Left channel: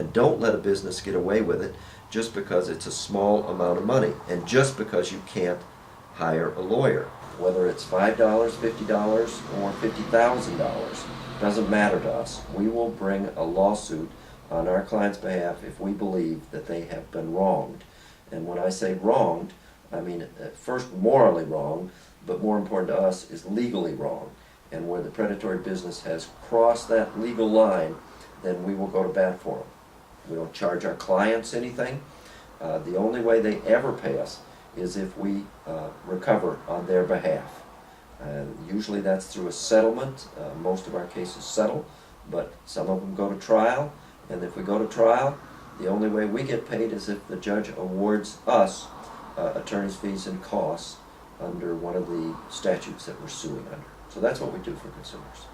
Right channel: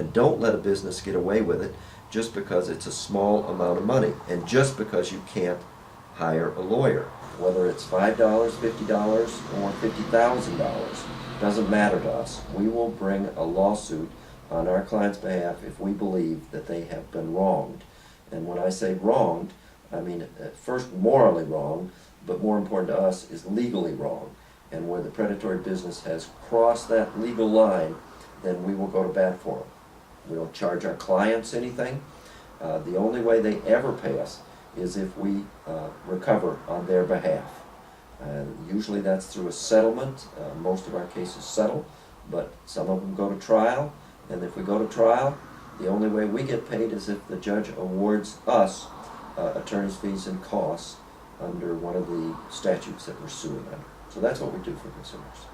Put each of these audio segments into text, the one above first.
And don't let a business get away with it just because it's a small amount of money and just because you can't hire a lawyer. Whether it's $5, $50, or $50,000, doesn't matter to us. We will bring a lawsuit on our client's behalf if we believe that they have been wronged. And when I say wronged, I mean first morally wrong, but more important to us is legally wrong. And where the predatory business has crossed that legal line, then we will go to bat for them. We don't charge our clients anything. The only way they ever pay us is if we recover on their behalf. Usually that's through a settlement. Most of our cases settle, but some of them go to trial. And if we go to trial, the only way we get paid is if the judge awards us attorney's fees and costs under one of the statutes that we're suing under. So that's what we do for consumers.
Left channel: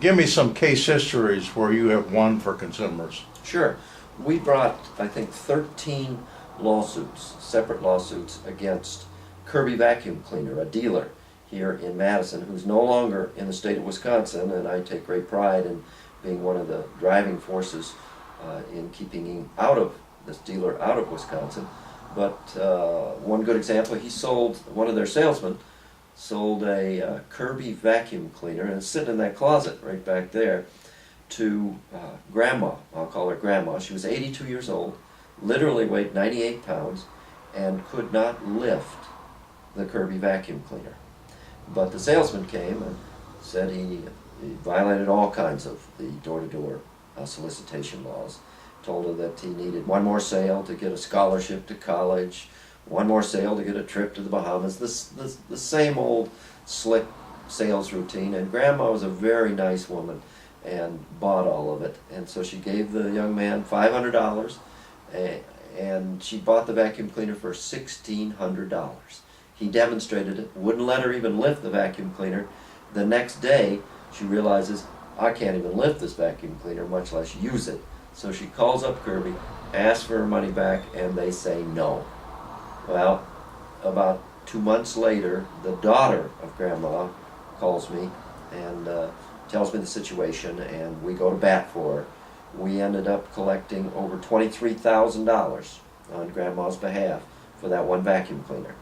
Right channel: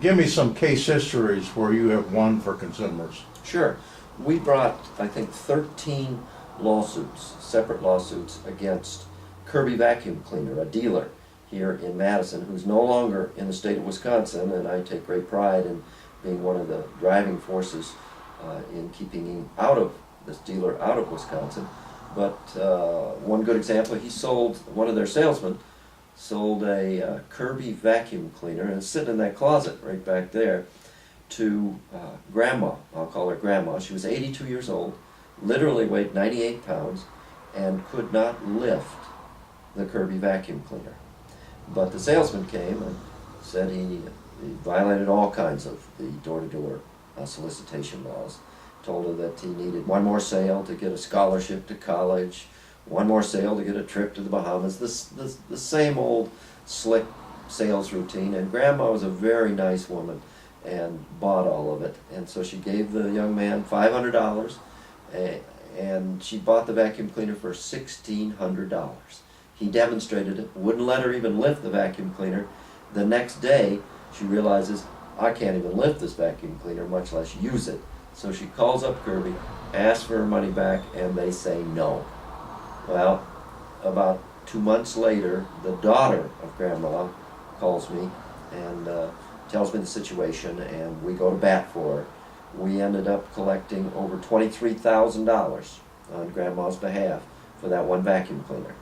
Give me some case histories where you have won for consumers. Sure. We brought, I think, 13 lawsuits, separate lawsuits, against Kirby Vacuum Cleaner, a dealer here in Madison, who's no longer in the state of Wisconsin, and I take great pride in being one of the driving forces in keeping him this dealer out of Wisconsin. But one good example, one of their salesmen sold a Kirby vacuum cleaner, and it's sitting in that closet right back there, to Grandma. I'll call her Grandma. She was 82 years old, literally weighed 98 pounds, and could not lift the Kirby vacuum cleaner. But the salesman came and said he violated all kinds of the door-to-door solicitation laws. Told her that he needed one more sale to get a scholarship to college, one more sale to get a trip to the Bahamas, the same old slick sales routine. And Grandma was a very nice woman and bought all of it. And so she gave the young man $500, and she bought the vacuum cleaner for $1,600. He demonstrated it, wouldn't let her even lift the vacuum cleaner. The next day, she realizes, I can't even lift this vacuum cleaner, much less use it. So she calls up Kirby, asks for her money back, and they say no. Well, about 2 months later, the daughter of Grandma calls me and tells me the situation, and we go to bat for her. We ended up collecting over $23,000 on Grandma's behalf for that one vacuum cleaner.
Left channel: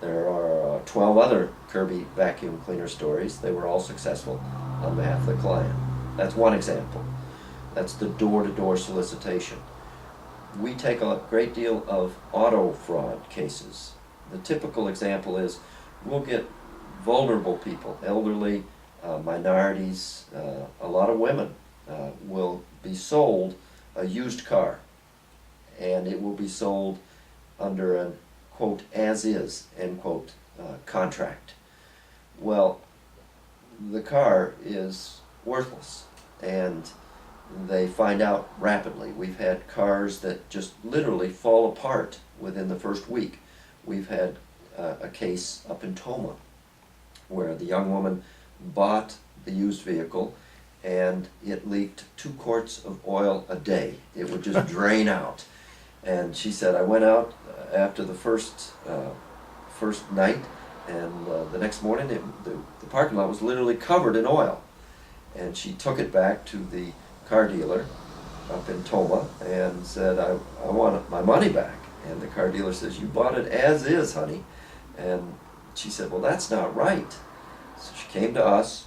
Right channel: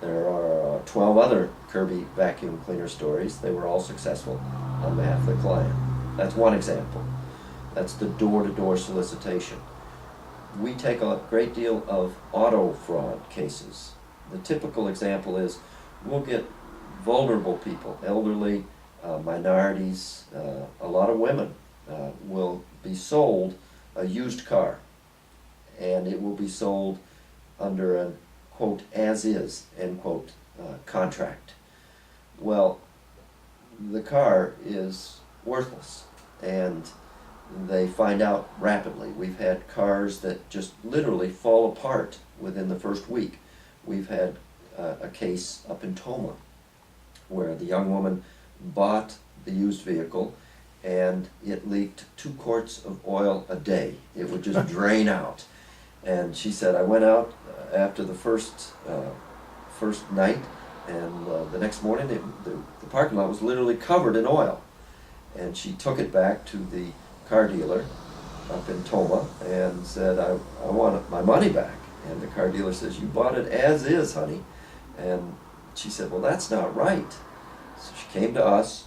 There are 12 other Kirby vacuum cleaner stories. They were all successful on behalf of the client. That's one example. That's the door-to-door solicitation. We take a great deal of auto fraud cases. The typical example is we'll get vulnerable people, elderly, minorities, a lot of women will be sold a used car, and it will be sold under an quote as is end quote contract. Well, the car is worthless, and they find out rapidly. We've had cars that just literally fall apart within the first week. We've had a case up in Toma where the young woman bought the used vehicle and it leaked 2 quarts of oil a day. It would just drain out. And she said, I went out after the first night, and the next morning the parking lot was literally covered in oil. And she took it back to the car dealer up in Toma and said, I want my money back. And the car dealer says, you bought it as is, honey. And she said, well, that's not right. So she came to us,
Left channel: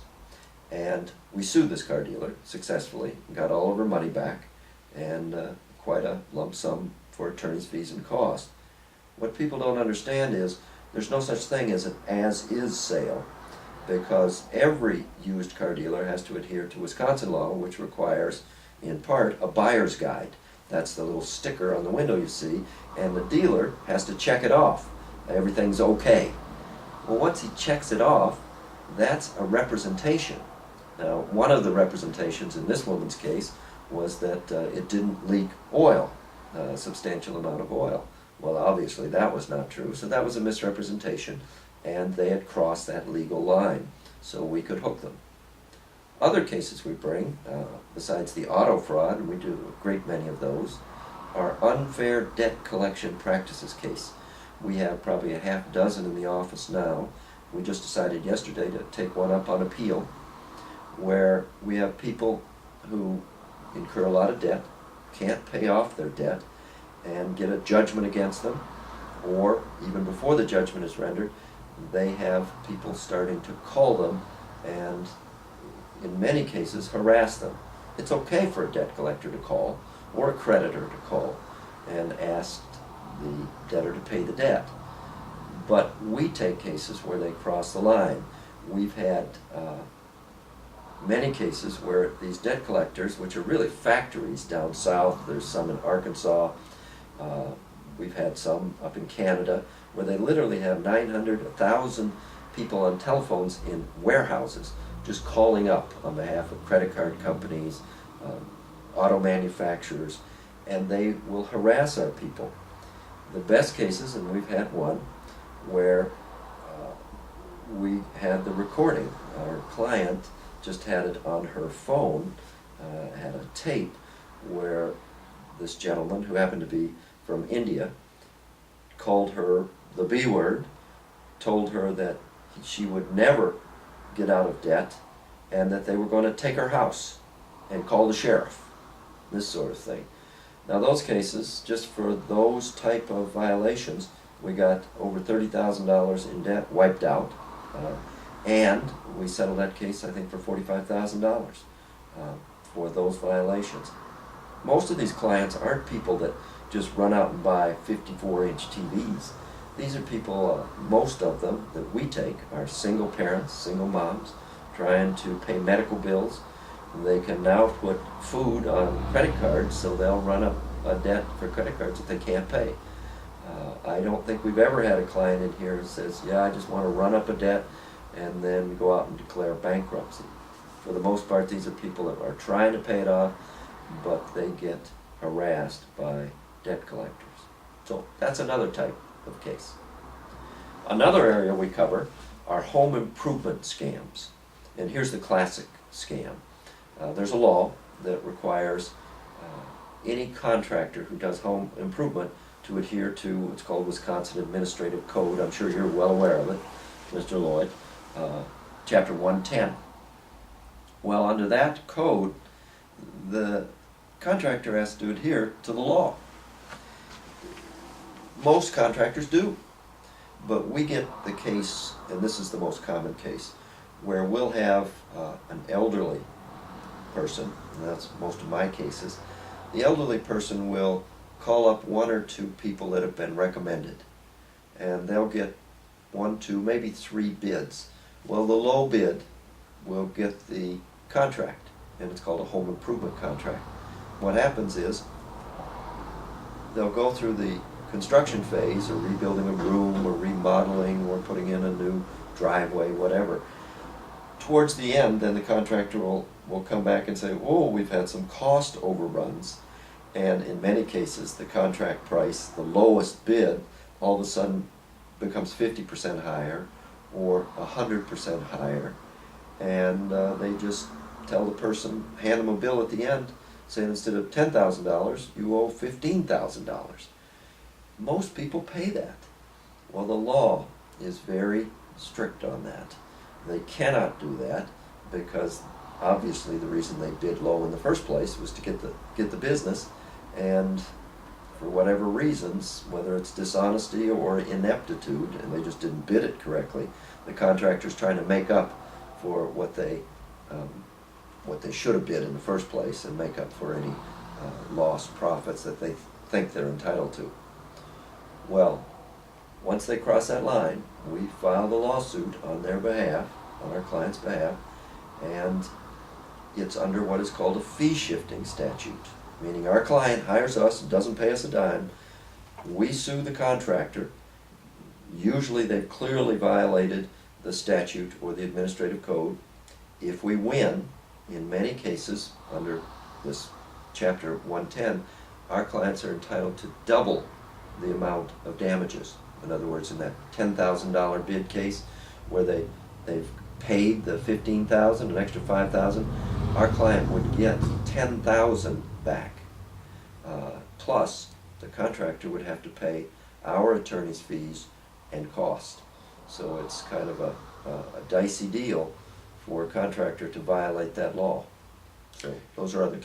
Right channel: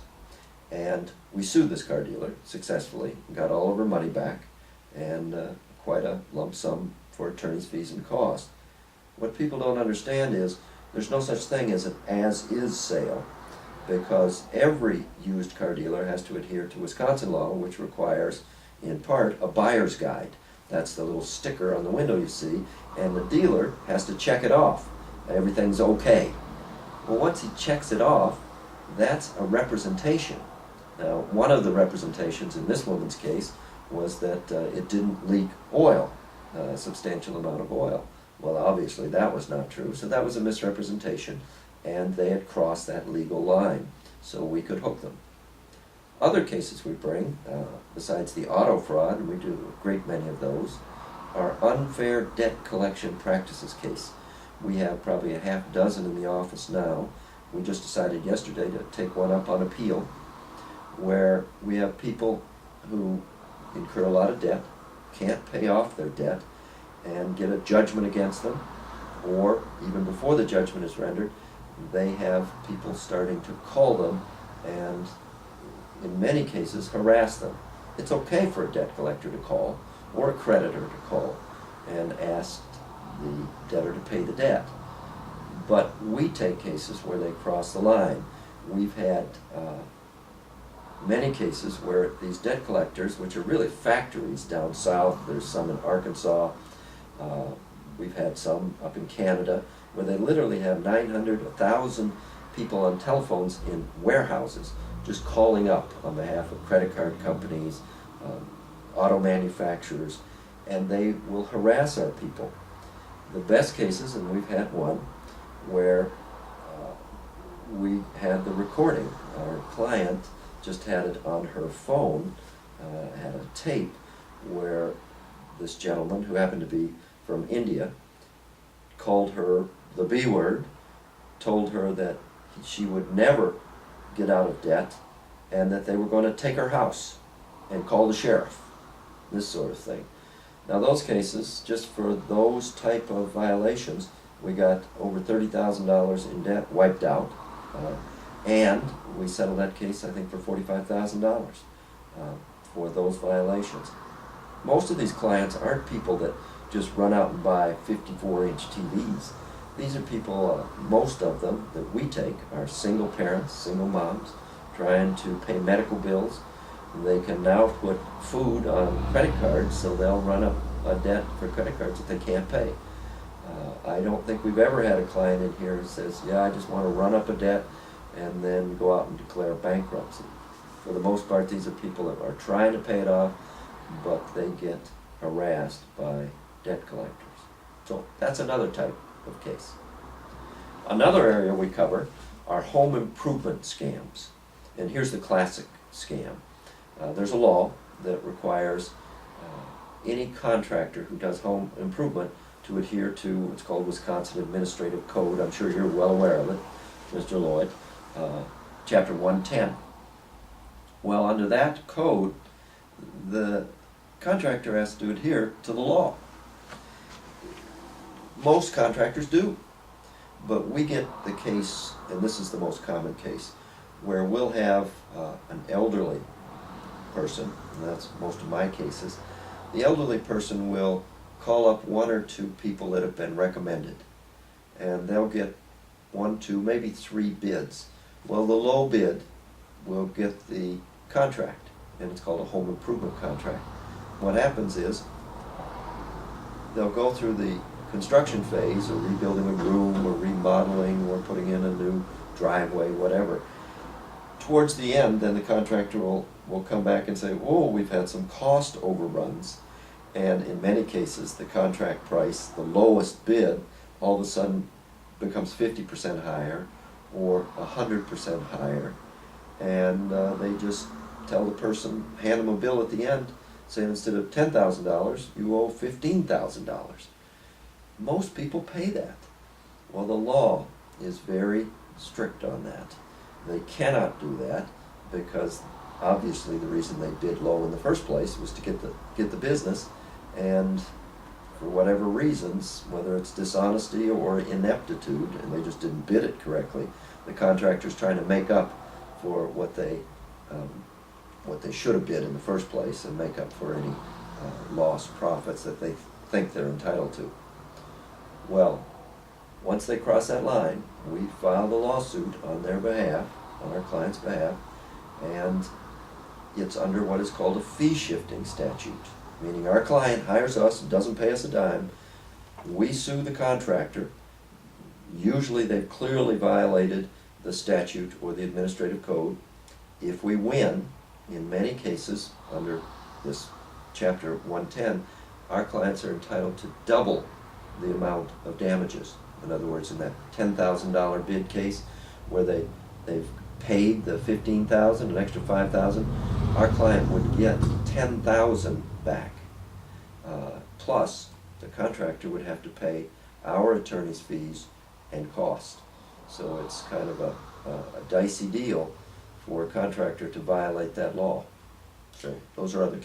and we sued this car dealer successfully, got all of her money back, and quite a lump sum for attorney's fees and costs. What people don't understand is there's no such thing as an as-is sale, because every used car dealer has to adhere to Wisconsin law, which requires, in part, a buyer's guide. That's the little sticker on the window you see, and the dealer has to check it off. Everything's okay. Well, once he checks it off, that's a representation. Now, one of the representations in this woman's case was that it didn't leak oil, a substantial amount of oil. Well, obviously that was not true, so that was a misrepresentation, and they had crossed that legal line, so we could hook them. Other cases we bring, besides the auto fraud, and we do a great many of those, are unfair debt collection practices case. We have probably a half dozen in the office now. We just decided yesterday to take one up on appeal, where we have people who incur a lot of debt, can't pay off their debt and get a judgment against them, or even before the judgment is rendered, they have people starting to call them and, in many cases, harass them. It's okay for a debt collector to call, or a creditor to call, and ask the debtor to pay the debt. But we take cases where they cross the line. We've had many cases where these debt collectors, which are really factories down south, there's some in Arkansas, we've had some up in Canada, where they literally have 900, 1,000 people on telephones in warehouses just calling up on behalf of credit card companies, auto manufacturers, and they will harass our people. The best cases, and we've had one, where we had the recording. Our client just had it on her phone, had a tape where this gentleman, who happened to be from India, called her the B word, told her that she would never get out of debt, and that they were going to take her house and call the sheriff, this sort of thing. Now those cases, just for those type of violations, we got over $30,000 in debt wiped out, and we settled that case, I think, for $45,000 for those violations. Most of these clients aren't people that just run out and buy 54-inch TVs. These are people, most of them that we take are single parents, single moms, trying to pay medical bills. They can now put food on credit cards, so they'll run up a debt for credit cards that they can't pay. I don't think we've ever had a client in here who says, yeah, I just want to run up a debt and then go out and declare bankruptcy. For the most part, these are people that are trying to pay it off, but they get harassed by debt collectors. So that's another type of case. Another area we cover are home improvement scams. And here's the classic scam. There's a law that requires any contractor who does home improvement to adhere to what's called Wisconsin Administrative Code. I'm sure you're well aware of it, Mr. Loyd. Chapter 110. Well, under that code, the contractor has to adhere to the law. Most contractors do, but we get the case, and this is the most common case, where we'll have an elderly person, and that's most of my cases. The elderly person will call up one or two people that have been recommended, and they'll get 1, 2, maybe 3 bids. Well, the low bid will get the contract, and it's called a home improvement contract. What happens is they'll go through the construction phase, or rebuilding a room, or remodeling, or putting in a new driveway, whatever. Towards the end, then the contractor will come back and say, oh, we've had some cost overruns, and in many cases the contract price, the lowest bid, all of a sudden becomes 50% higher or 100% higher, and they just tell the person, hand them a bill at the end, saying instead of $10,000, you owe $15,000. Most people pay that. Well, the law is very strict on that. They cannot do that because obviously the reason they bid low in the first place was to get the business, and for whatever reasons, whether it's dishonesty or ineptitude, and they just didn't bid it correctly, the contractor's trying to make up for what they should have bid in the first place and make up for any lost profits that they think they're entitled to. Well, once they cross that line, we file the lawsuit on their behalf, on our client's behalf, and it's under what is called a fee-shifting statute, meaning our client hires us and doesn't pay us a dime. We sue the contractor. Usually they've clearly violated the statute or the administrative code. If we win, in many cases, under this chapter 110, our clients are entitled to double the amount of damages. In other words, in that $10,000 bid case where they've paid the $15,000, an extra $5,000, our client would get $10,000 back. Plus, the contractor would have to pay our attorney's fees and cost. So it's kind of a dicey deal for a contractor to violate that law. So those are other